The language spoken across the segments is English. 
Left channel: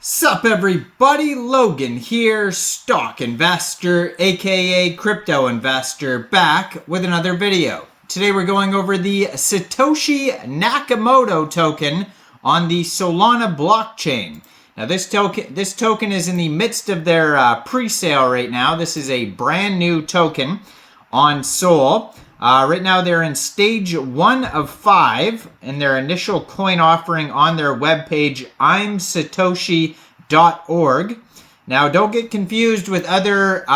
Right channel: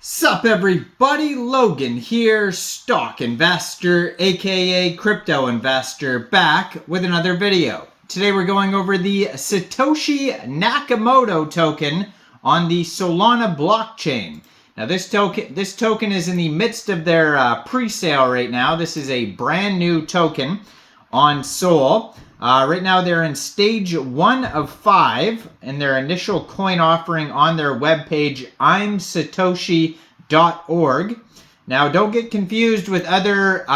Sup everybody, Logan here, stock investor, aka crypto investor, back with another video. Today we're going over the Satoshi Nakamoto token on the Solana blockchain. Now this token is in the midst of their pre-sale right now. This is a brand new token on Sol. Right now they're in stage 1 of 5 in their initial coin offering on their webpage, imsatoshi.org. Now don't get confused with other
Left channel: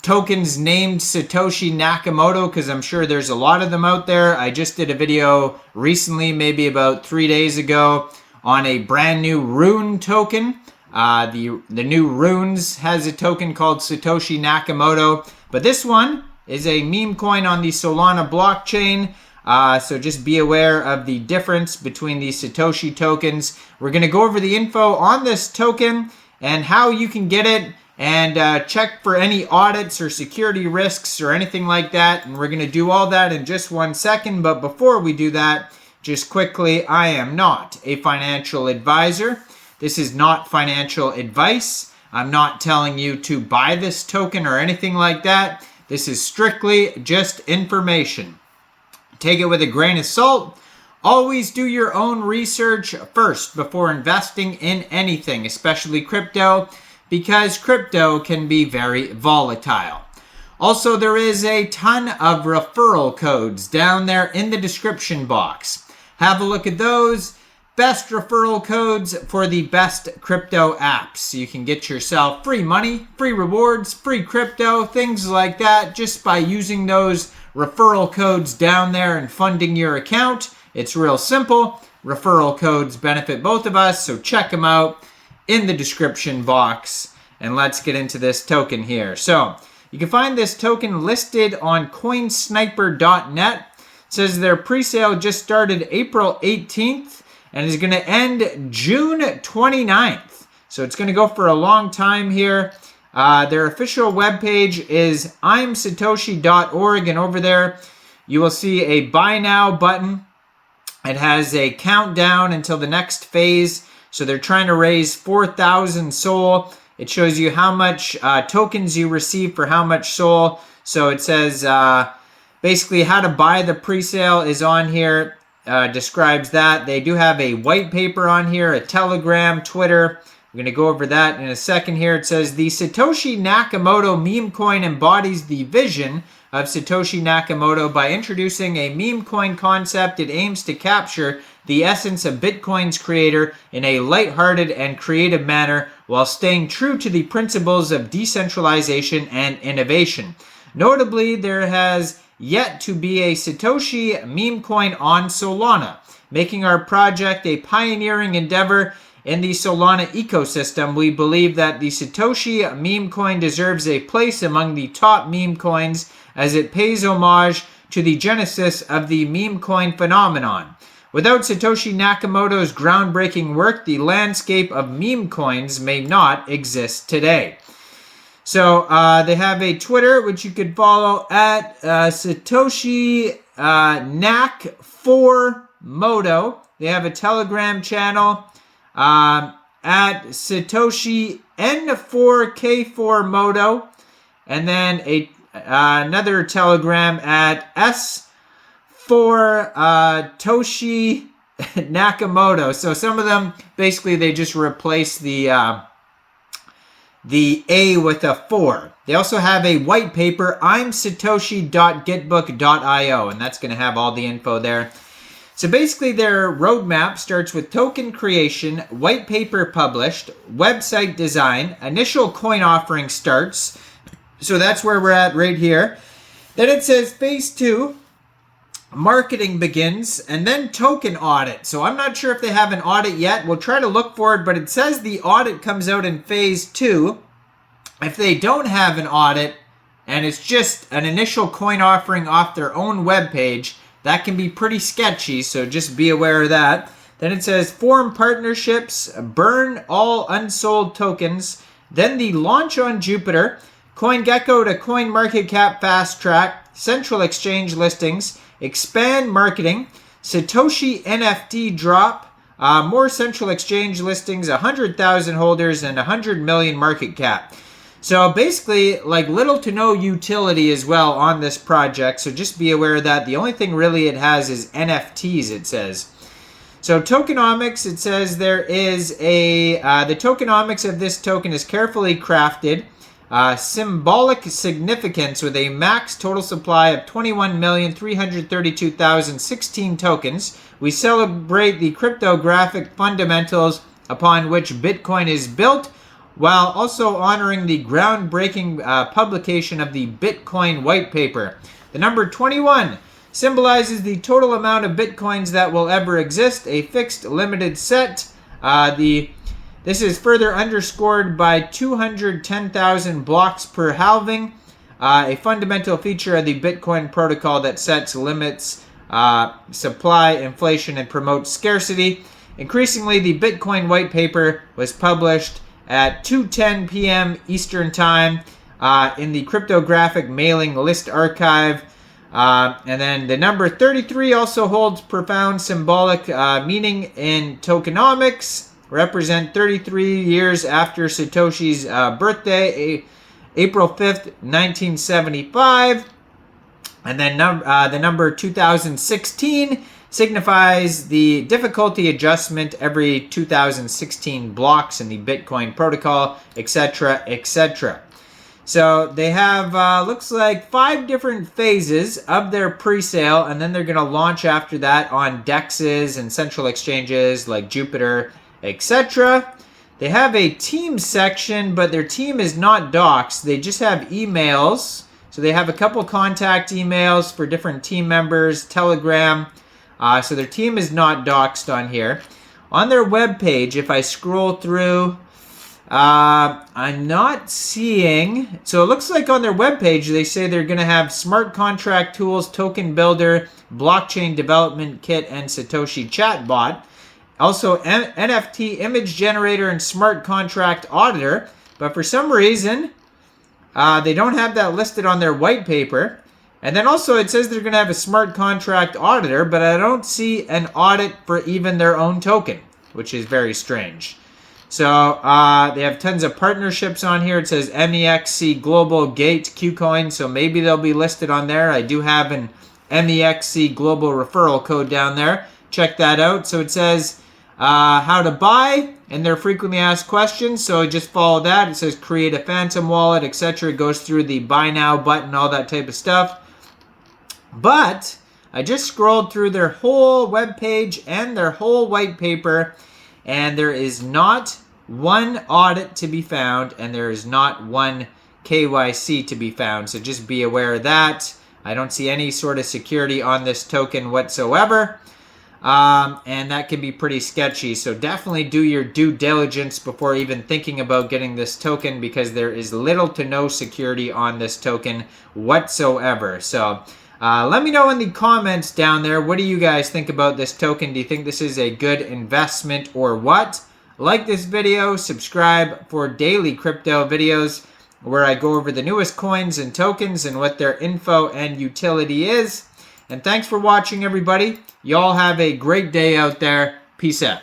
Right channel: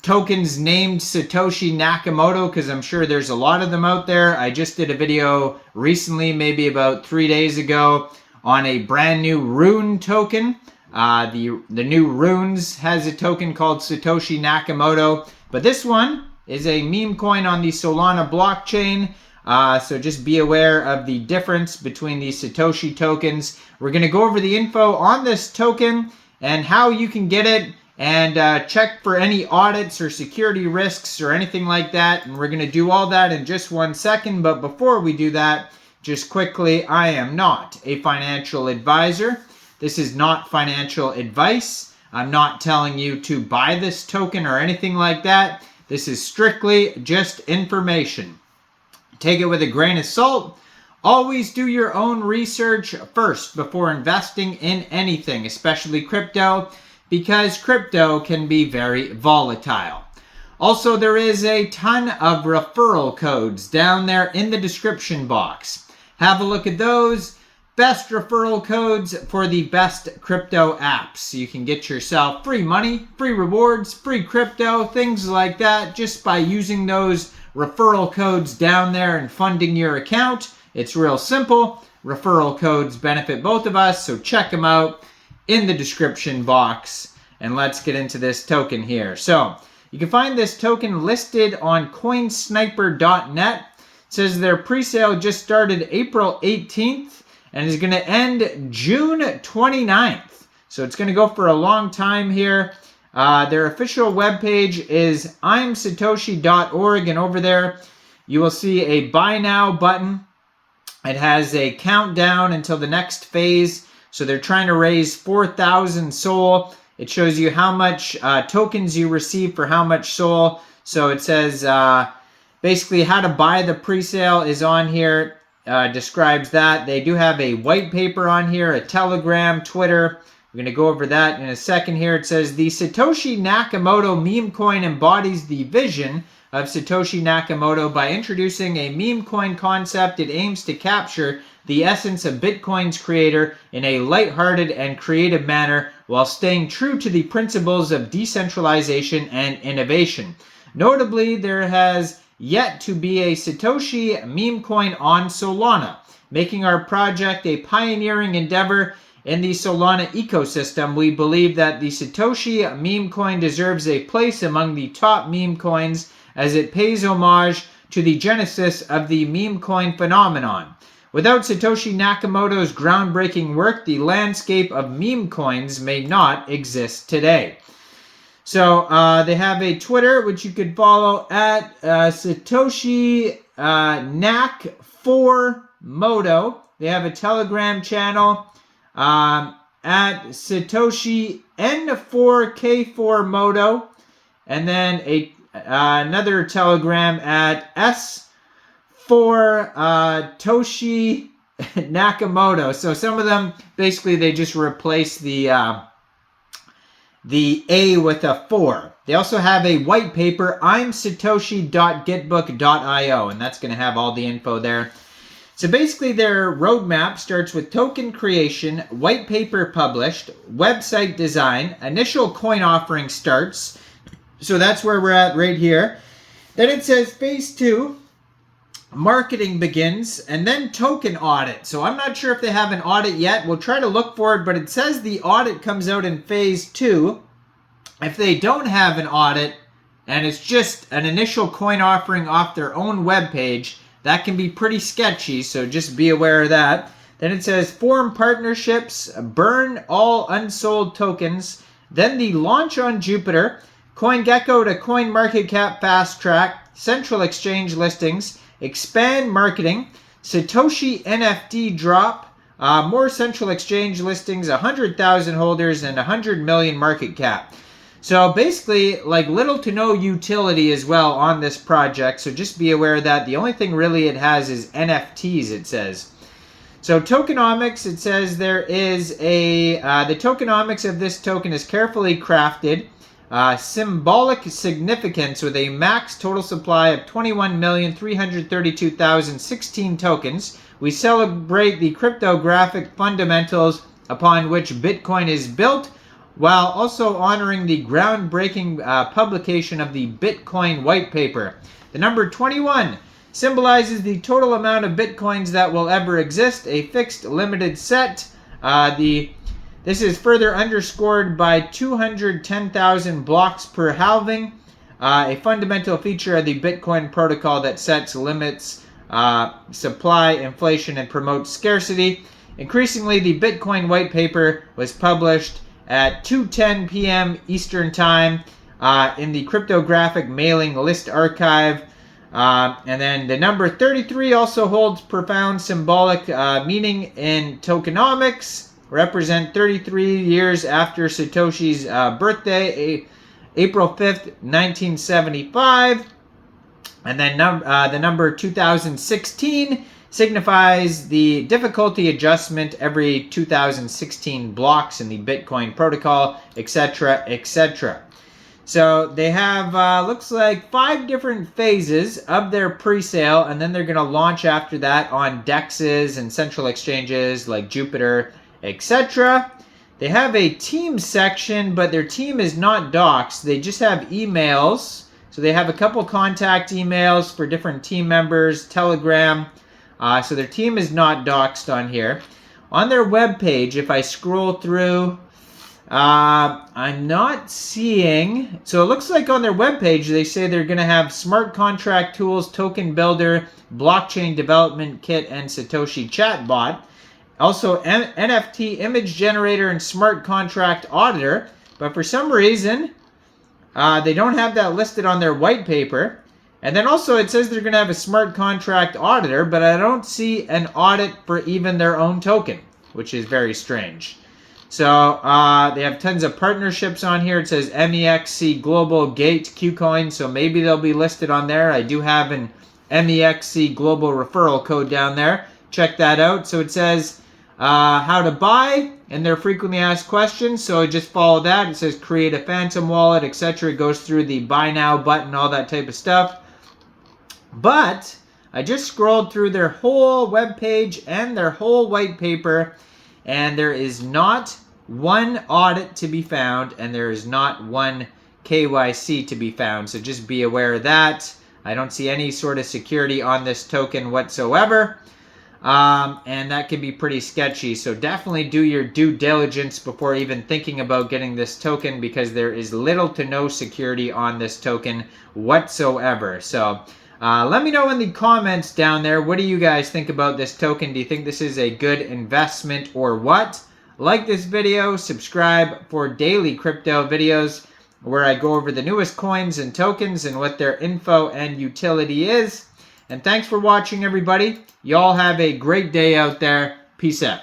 tokens named Satoshi Nakamoto, because I'm sure there's a lot of them out there. I just did a video recently, maybe about 3 days ago, on a brand new Rune token. The new Runes has a token called Satoshi Nakamoto, but this one is a meme coin on the Solana blockchain. So just be aware of the difference between the Satoshi tokens. We're going to go over the info on this token and how you can get it, and check for any audits or security risks or anything like that. And we're going to do all that in just 1 second. But before we do that, just quickly, I am not a financial advisor. This is not financial advice. I'm not telling you to buy this token or anything like that. This is strictly just information. Take it with a grain of salt. Always do your own research first before investing in anything, especially crypto, because crypto can be very volatile. Also, there is a ton of referral codes down there in the description box. Have a look at those. Best referral codes for the best crypto apps. You can get yourself free money, free rewards, free crypto, things like that, just by using those referral codes down there and funding your account. It's real simple. Referral codes benefit both of us, so check them out in the description box. And let's get into this token here. So you can find this token listed on coinsniper.net. It says their pre-sale just started April 18th. And is going to end June 29th. So it's going to go for a long time here. Their official webpage is imsatoshi.org. And over there, you will see a buy now button. It has a countdown until the next phase. So they're trying to raise 4,000 SOL. It shows you how much tokens you receive for how much SOL. So it says basically how to buy the pre-sale is on here. Describes that. They do have a white paper on here, a Telegram, Twitter. We're going to go over that in a second here. It says the Satoshi Nakamoto meme coin embodies the vision of Satoshi Nakamoto by introducing a meme coin concept. It aims to capture the essence of Bitcoin's creator in a lighthearted and creative manner while staying true to the principles of decentralization and innovation. Notably, there has yet to be a Satoshi meme coin on Solana, making our project a pioneering endeavor in the Solana ecosystem. We believe that the Satoshi meme coin deserves a place among the top meme coins as it pays homage to the genesis of the meme coin phenomenon. Without Satoshi Nakamoto's groundbreaking work, the landscape of meme coins may not exist today. So they have a Twitter, which you could follow at Satoshi Nak4Moto. They have a Telegram channel at Satoshi N4K4Moto. And then another Telegram at S4Toshi Nakamoto. So some of them, basically, they just replace the A with a 4. They also have a white paper, imsatoshi.gitbook.io, and that's going to have all the info there. So basically their roadmap starts with token creation, white paper published, website design, initial coin offering starts. So that's where we're at right here. Then it says phase 2, marketing begins, and then token audit. So I'm not sure if they have an audit yet. We'll try to look for it, but it says the audit comes out in phase 2. If they don't have an audit and it's just an initial coin offering off their own webpage, that can be pretty sketchy, so just be aware of that. Then it says form partnerships, burn all unsold tokens, then the launch on Jupiter, CoinGecko to CoinMarketCap fast track, central exchange listings, expand marketing, Satoshi NFT drop, more central exchange listings, 100,000 holders, and 100 million market cap. So basically, like little to no utility as well on this project. So just be aware of that. The only thing really it has is NFTs, it says. So tokenomics, it says there is the tokenomics of this token is carefully crafted. Symbolic significance with a max total supply of 21,332,016 tokens. We celebrate the cryptographic fundamentals upon which Bitcoin is built, while also honoring the groundbreaking publication of the Bitcoin white paper. The number 21 symbolizes the total amount of Bitcoins that will ever exist, a fixed limited set. This is further underscored by 210,000 blocks per halving, a fundamental feature of the Bitcoin protocol that sets limits, supply, inflation, and promotes scarcity. Increasingly, the Bitcoin white paper was published at 2:10 p.m. Eastern Time in the cryptographic mailing list archive. And then the number 33 also holds profound symbolic meaning in tokenomics. Represent 33 years after Satoshi's birthday, April 5th, 1975. And then the number 2016 signifies the difficulty adjustment every 2016 blocks in the Bitcoin protocol, etc., etc. So they have, looks like 5 different phases of their pre-sale, and then they're going to launch after that on DEXs and central exchanges like Jupiter, etc. They have a team section, but their team is not doxed. They just have emails. So they have a couple contact emails for different team members, Telegram. So their team is not doxed on here. On their webpage, if I scroll through, I'm not seeing. So it looks like on their webpage, they say they're going to have smart contract tools, token builder, blockchain development kit, and Satoshi chatbot. Also, NFT image generator and smart contract auditor. But for some reason, they don't have that listed on their white paper. And then also it says they're going to have a smart contract auditor, but I don't see an audit for even their own token, which is very strange. So they have tons of partnerships on here. It says MEXC Global Gate KuCoin, so maybe they'll be listed on there. I do have an MEXC Global referral code down there. Check that out. So it says how to buy and their frequently asked questions. So just follow that. It says create a phantom wallet, etc. It goes through the buy now button, all that type of stuff. But I just scrolled through their whole webpage and their whole white paper, and there is not one audit to be found, and there is not one KYC to be found. So just be aware of that. I don't see any sort of security on this token whatsoever. And that can be pretty sketchy. So definitely do your due diligence before even thinking about getting this token, because there is little to no security on this token whatsoever. So let me know in the comments down there, what do you guys think about this token? Do you think this is a good investment or what? Like this video, subscribe for daily crypto videos where I go over the newest coins and tokens and what their info and utility is. And thanks for watching, everybody. Y'all have a great day out there. Peace out.